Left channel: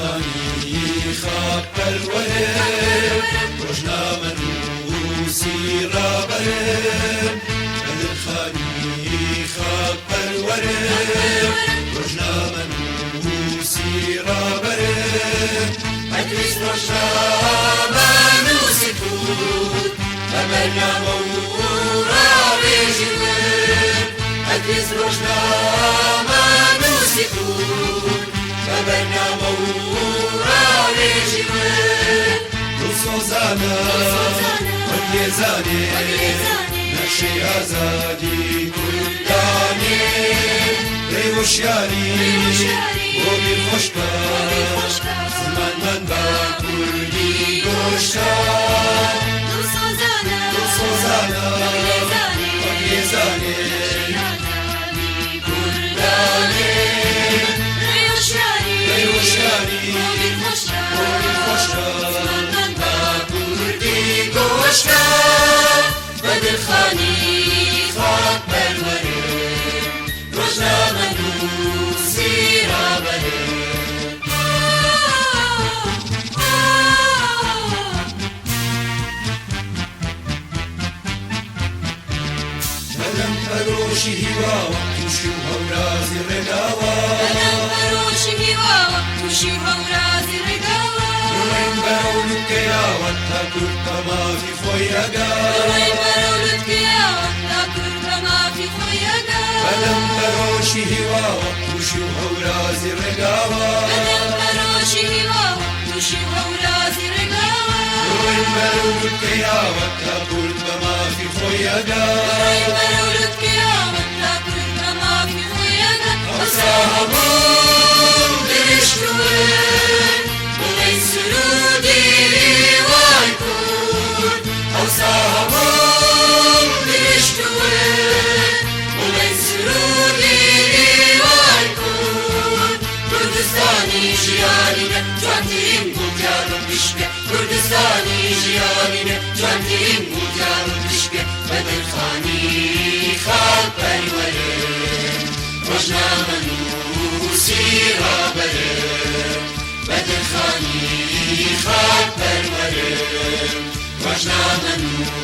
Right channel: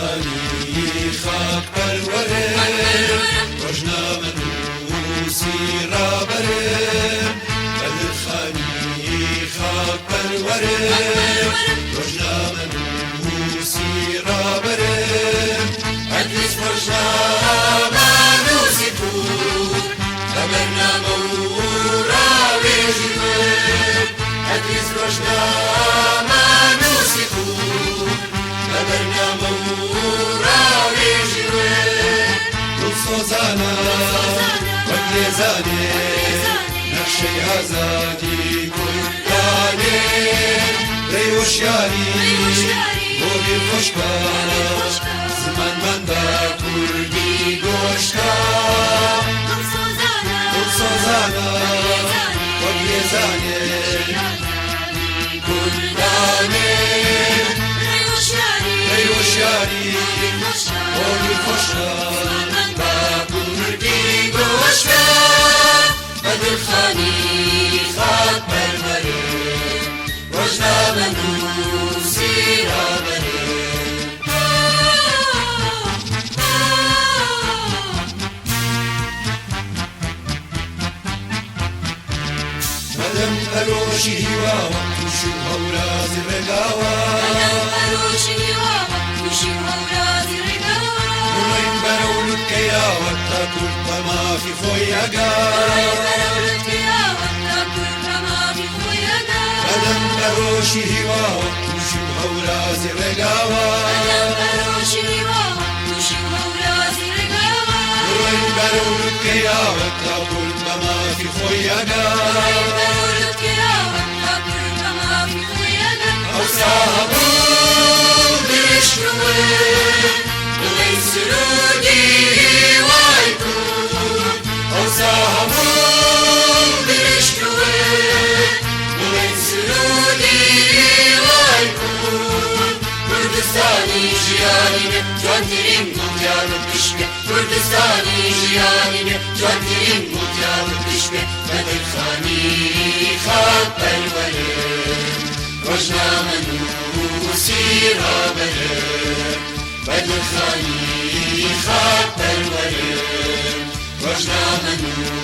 خانی خاک پرورم روزنامه نووسی رابرم بدر خانی خاک پرورم روزنامه نووسی رابرم ادریس روزنامه نووسی بود خبرنامه و راویجم ادریس روزنامه نووسی بود خبرنامه و راویجم سوزانا واليزاني نقشي أزادي كلاني ريوشياني بودي خوشكا زمان من دا كلي گوشكا سوزانا واليزاني كلاني ريوشياني بودي خوشكا بدر خانی خاک پرورم روزنامه نووسی رابرم بدم بروشی هیوا وقتوشی هورازی رگاوا بدم بروشی هیوا وقتوشی هورازی رگاوا نوین برولت کیا وقتا کرتا ما فی خویگا بدم بروشی هیوا وقتوشی هورازی رگاوا بدم بروشی هیوا وقتوشی هورازی رگاوا نوین برولت کیا وقتا کرتا ما فی خویگا نوین برولت کیا وقتا کرتا ما فی خویگا أصحابون دشتون وغي سرودي وايكون أصحابون دشتون وغي سرودي وايكون كردستاني جيانينا جانترين بوجانم دشته كردستاني جيانينا جانترين بوجانم دشته بدر خاني خاك پرورم روزنامه نووسی رابرم بدر خانی خاک پرورم روزنامه نووسی